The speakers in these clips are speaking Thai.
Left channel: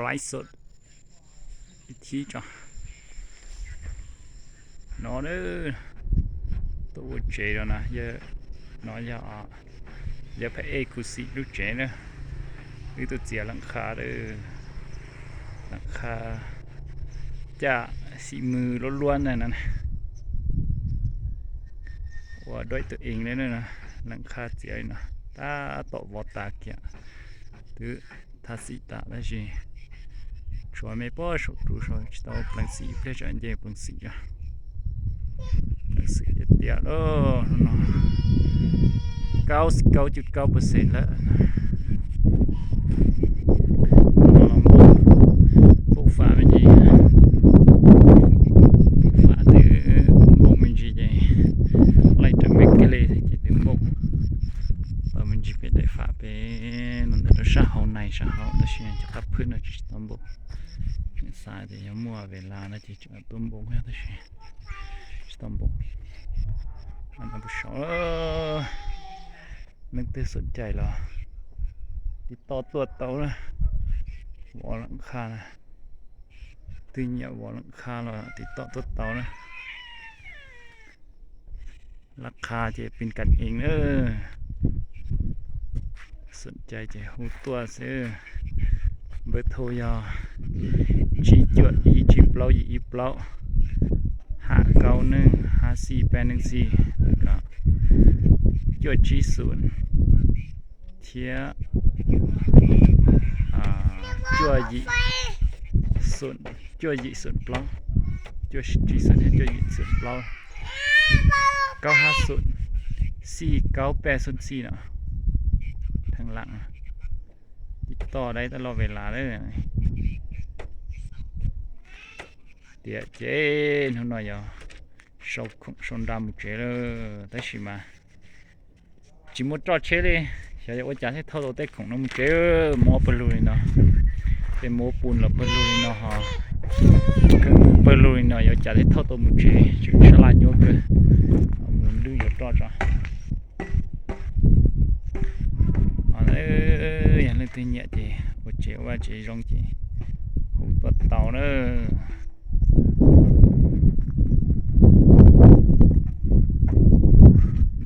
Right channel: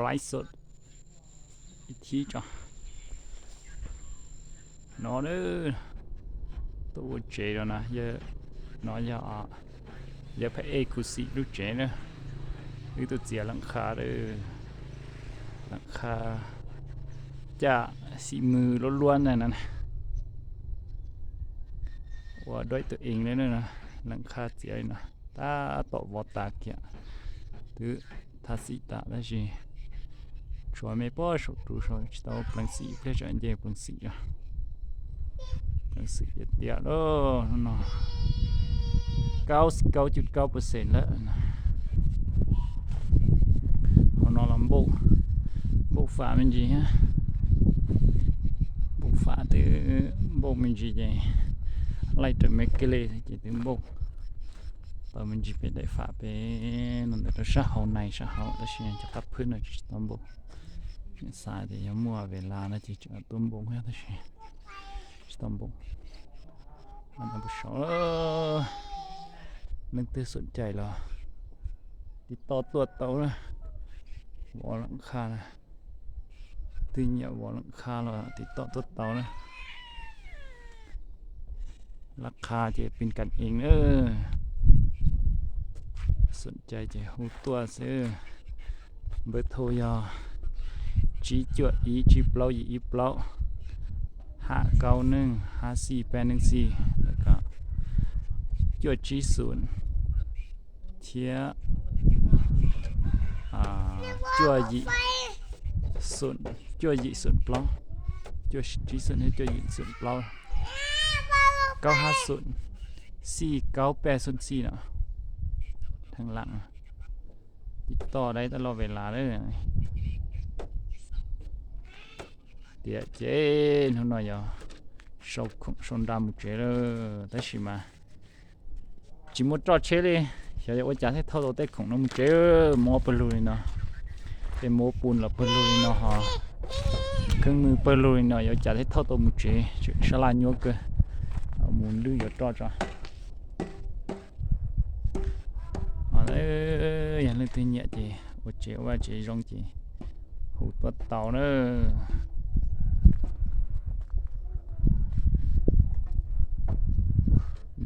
ไลฟ์สดอีกทีจ้ะnó nữa tôi chế rồi nè giờ nó giờ phải ê cú xịt lúc chế nữa như tôi chế lăng khá đấy lăng khá chả xị mừ luôn luôn này nè và đôi tự in đấy nè lăng khá chế nè ta tổ vọt ta kìa thứ ta xị ta đấy gì cho mấy bao số tu số tao bằng xị phải cho anh em bằng xị à sự tiệt đó nó 99.9% แล้วnó làm bộ phá mình gì bộ phá từ bộ mình gì vậy lại từ mấy cái lề thì từ bộ và mình chỉ phải để phá về nó để sát hậu này sát hậu đó xin cho cácพื้นnó chỉ tóm bộ sai thì mua về là nó chỉ tóm bộ hết thôi tóm bộอันนั้นผู้ชมนึกถึงสนใจเหรอติดต่อตัวเต่านะวอลหลังคานะตึงเนี่ยวอลหลังคาเหรอติดต่อตัวเต่านะราคาจะเป็นกันเองสนใจจะหูตัวซื้อเบอร์โทรยอจีจวดอีจีเปล่าอีเปล่า5915484แล้วก็จวดจีศูนย์เทียจวดยีศูนย์จวดยีศูนย์เปล่าจวดจีศูนย์จวดยีศูนย์เปล่า9504984เนาะทางหลังติดต่อได้ตลอดเวลาเลยเดี๋ยวเจ๊หน่อยอ่ะชนดำเจ๊เลยได้ใช่ไหมจิมจอดเชเลยใช่ว่าจะให้เท่าตัวเต็กของน้องเจ๊หมอปลุยเนาะเป็นหมอปูนหรือปลุยเนาะฮะคือปลุยเนาะอยากจะให้เท่าตัวมุเจ๊ฉลาดโยกเลยหมุนลื่นอย่าจอดจ้ะอย่างนี้ตัวเนี้ยเจ๊ว่าเจ๊ว่าเจ๊ร้องเจ๊หูตัวเต่าเนอะ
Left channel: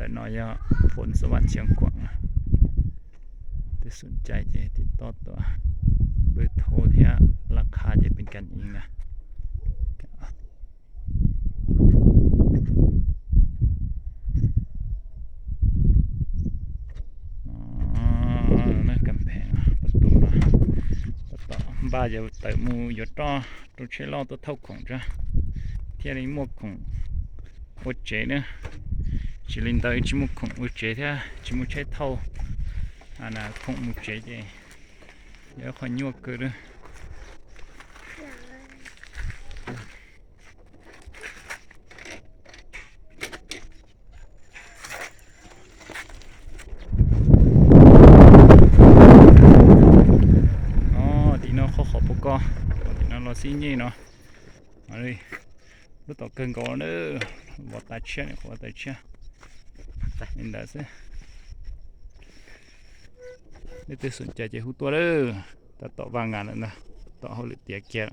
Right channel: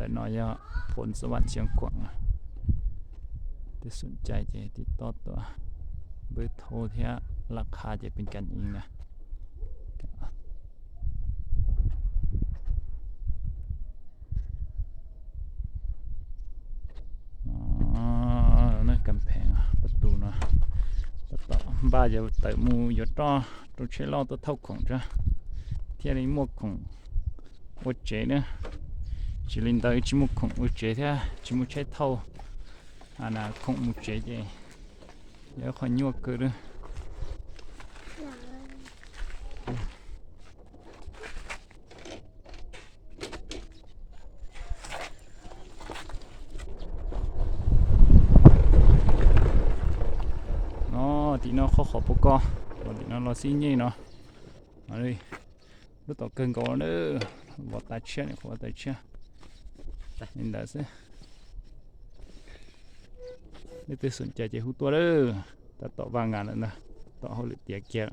ได้น้อยฝนสวรรค์เชียงขวางถ้าสนใจจะติดต่อตัวเบอร์โทรที่ราคาจะเป็นกันเองนะนั่นกำแพงประตูนะต่อบ้านจะเติมมูอยู่ต่อตัวเชลล์ตัวเท่าของจ้ะที่อะไรหมวกของโอเจเนี่ยchỉ lên tới chỉ một khổng một chế thế chỉ một chế thâu là khổng một chế gì giờ khỏi nhua cơ nữa thì nó khó khó bốc co thì nó lo xí nhỉ nó ở đây nó tỏ cơn có nữa vọt tay chết này khó tay chết nên đã sẽ để tôi sẵnใจhútตัวเด้อแต่ต่อวางงานแล้วนะต่อเขาเลยเตียแก่